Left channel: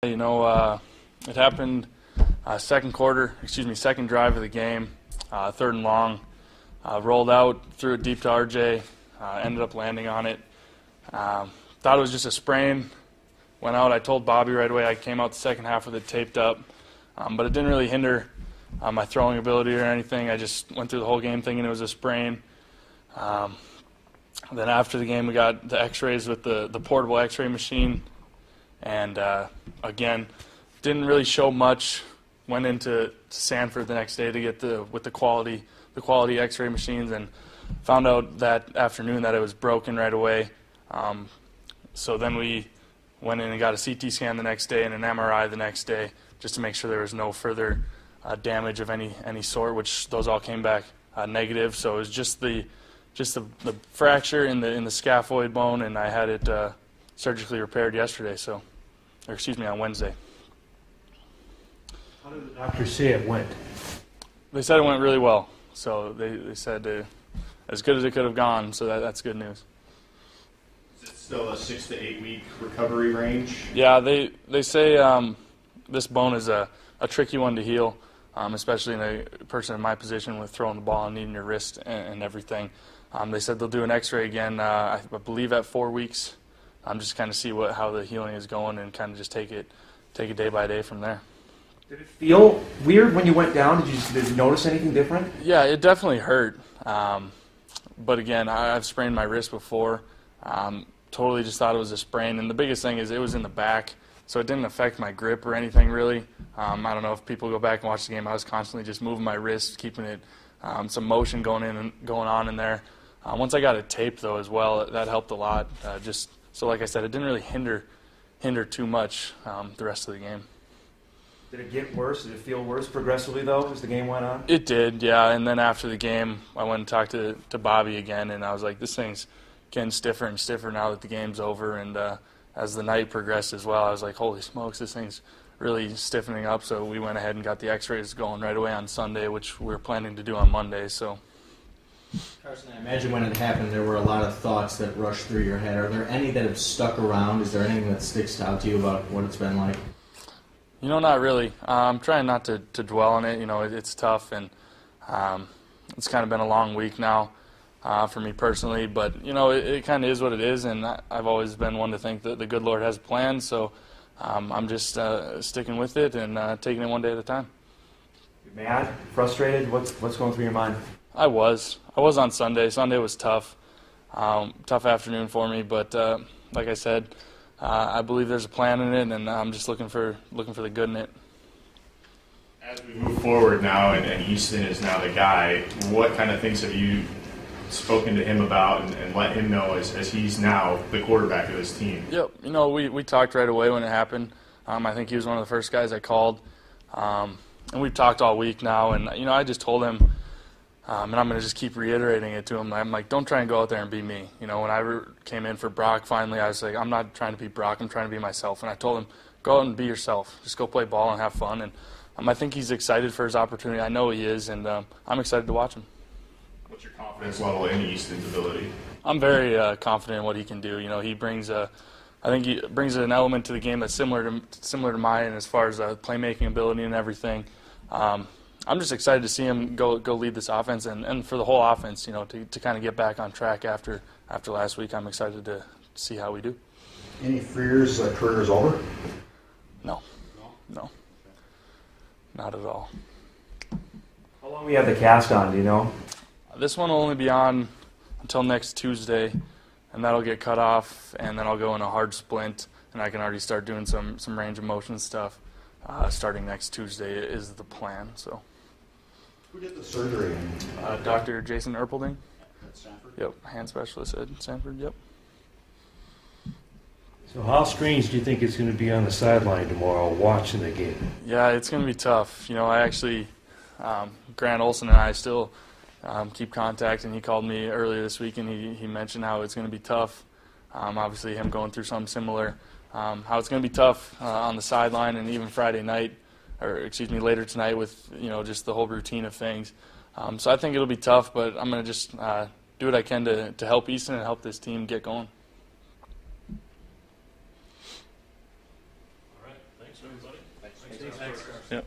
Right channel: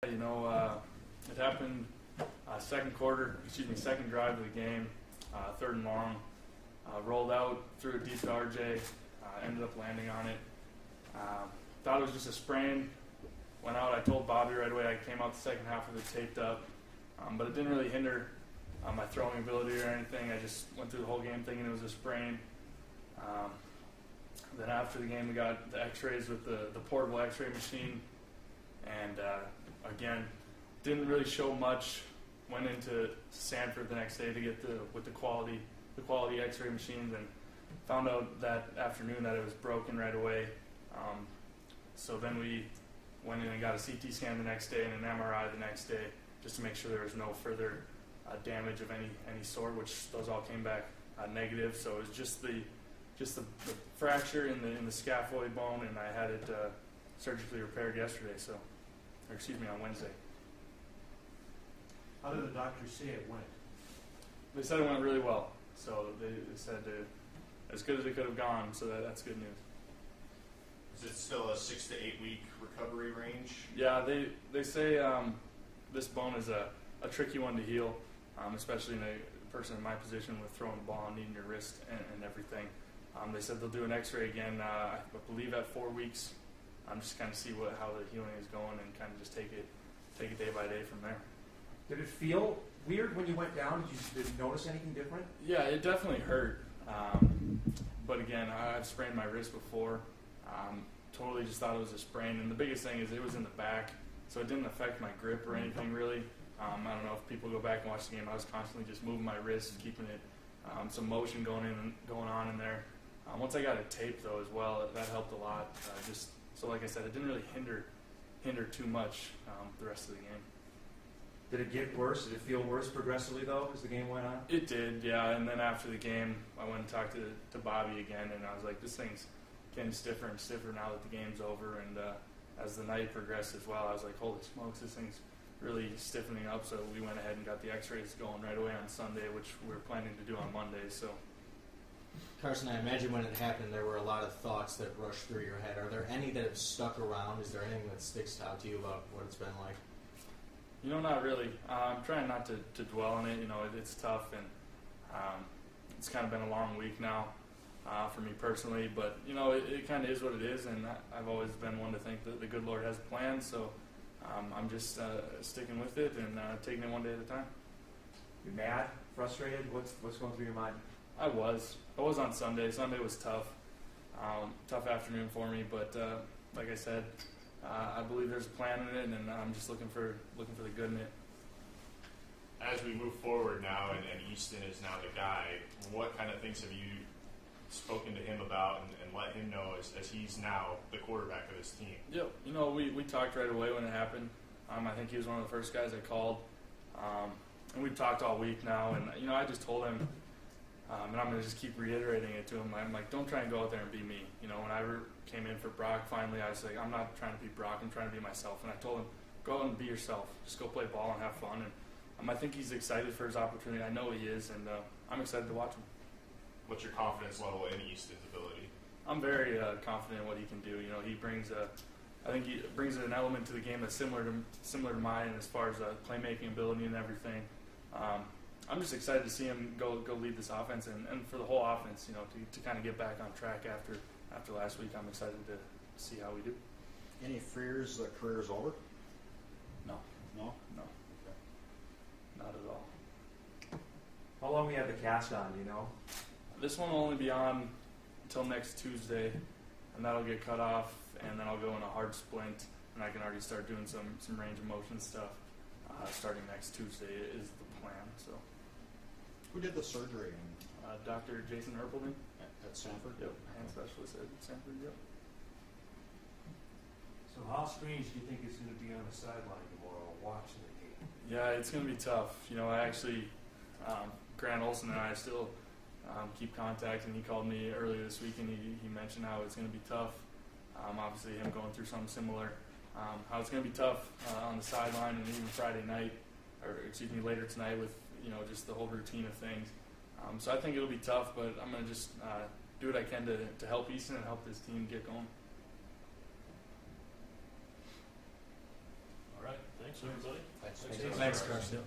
It happened second drive of the game, third and long. Rolled out, threw it deep to RJ, ended up landing on it. Thought it was just a sprain. Went out. I told Bobby right away. I came out the second half with it taped up, but it didn't really hinder my throwing ability or anything. I just went through the whole game thinking it was a sprain. Then after the game, we got the X-rays with the portable X-ray machine, and again, didn't really show much. Went into Sanford the next day to get the quality X-ray machines, and found out that afternoon that it was broken right away. So then we went in and got a CT scan the next day and an MRI the next day, just to make sure there was no further damage of any sort, which those all came back negative. So it was just the fracture in the scaphoid bone, and I had it surgically repaired yesterday. On Wednesday. How did the doctors say it went? They said it went really well. So they said as good as it could have gone. So that's good news. Is it still a 6 to 8 week recovery range? Yeah, they say this bone is a tricky one to heal, especially in a person in my position with throwing the ball and needing your wrist and everything. They said they'll do an X-ray again, I believe at 4 weeks. Just kind of see how the healing is going and kind of just take it day by day from there. Did it feel weird when you went down? Did you notice anything different? Yeah, it definitely hurt. But again, I've sprained my wrist before. Totally just thought it was a sprain. And the biggest thing is it was in the back, so it didn't affect my grip or anything really. I don't know if people go back and watch the game. I was constantly just moving my wrist, keeping it some motion going on in there. Once I got it taped though as well, that helped a lot. So like I said, it didn't really hinder too much the rest of the game. Did it get worse? Did it feel worse progressively, though, as the game went on? It did, yeah. And then after the game, I went and talked to Bobby again, and I was like, this thing's getting stiffer and stiffer now that the game's over. And as the night progressed as well, I was like, holy smokes, this thing's really stiffening up. So we went ahead and got the X-rays going right away on Sunday, which we were planning to do on Monday. So. Carson, I imagine when it happened, there were a lot of thoughts that rushed through your head. Are there any that have stuck around? Is there anything that sticks out to you about what it's been like? Not really. I'm trying not to dwell on it. It's tough, and it's kind of been a long week now for me personally. But, it kind of is what it is, and I've always been one to think that the good Lord has a plan. So I'm just sticking with it and taking it one day at a time. You mad? Frustrated? What's going through your mind? I was on Sunday. Sunday was tough. Tough afternoon for me, but like I said, I believe there's a plan in it, and I'm just looking for the good in it. As we move forward now, and Easton is now the guy, what kind of things have you spoken to him about and let him know as he's now the quarterback of this team? Yep. We talked right away when it happened. I think he was one of the first guys I called, and we've talked all week now, and I just told him, and I'm going to just keep reiterating it to him. I'm like, don't try and go out there and be me. When I came in for Brock, finally, I was like, I'm not trying to be Brock. I'm trying to be myself. And I told him, go out and be yourself. Just go play ball and have fun. And I think he's excited for his opportunity. I know he is, and I'm excited to watch him. What's your confidence level in Easton's ability? I'm very confident in what he can do. He brings I think he brings an element to the game that's similar to mine as far as playmaking ability and everything. I'm just excited to see him go lead this offense, and for the whole offense, to kind of get back on track after last week. I'm excited to see how we do. Any fears career is over? No, not at all. How long we have the cast on, do you know? This one will only be on until next Tuesday, and that'll get cut off, and then I'll go in a hard splint, and I can already start doing some range of motion stuff. Starting next Tuesday is the plan. So. Who did the surgery? Dr. Jason Erpelding. At Sanford? Yep, hand specialist at Sanford, yep. So how strange do you think it's going to be on the sideline tomorrow watching the game? Yeah, it's going to be tough. I actually, Grant Olson and I still keep contact, and he called me earlier this week, and he mentioned how it's going to be tough. Obviously, him going through something similar. How it's going to be tough on the sideline, and even Friday night, later tonight with just the whole routine of things. So I think it'll be tough, but I'm going to just do what I can to help Easton and help this team get going. All right, thanks. Thanks, everybody. Thanks, Carson. Yep.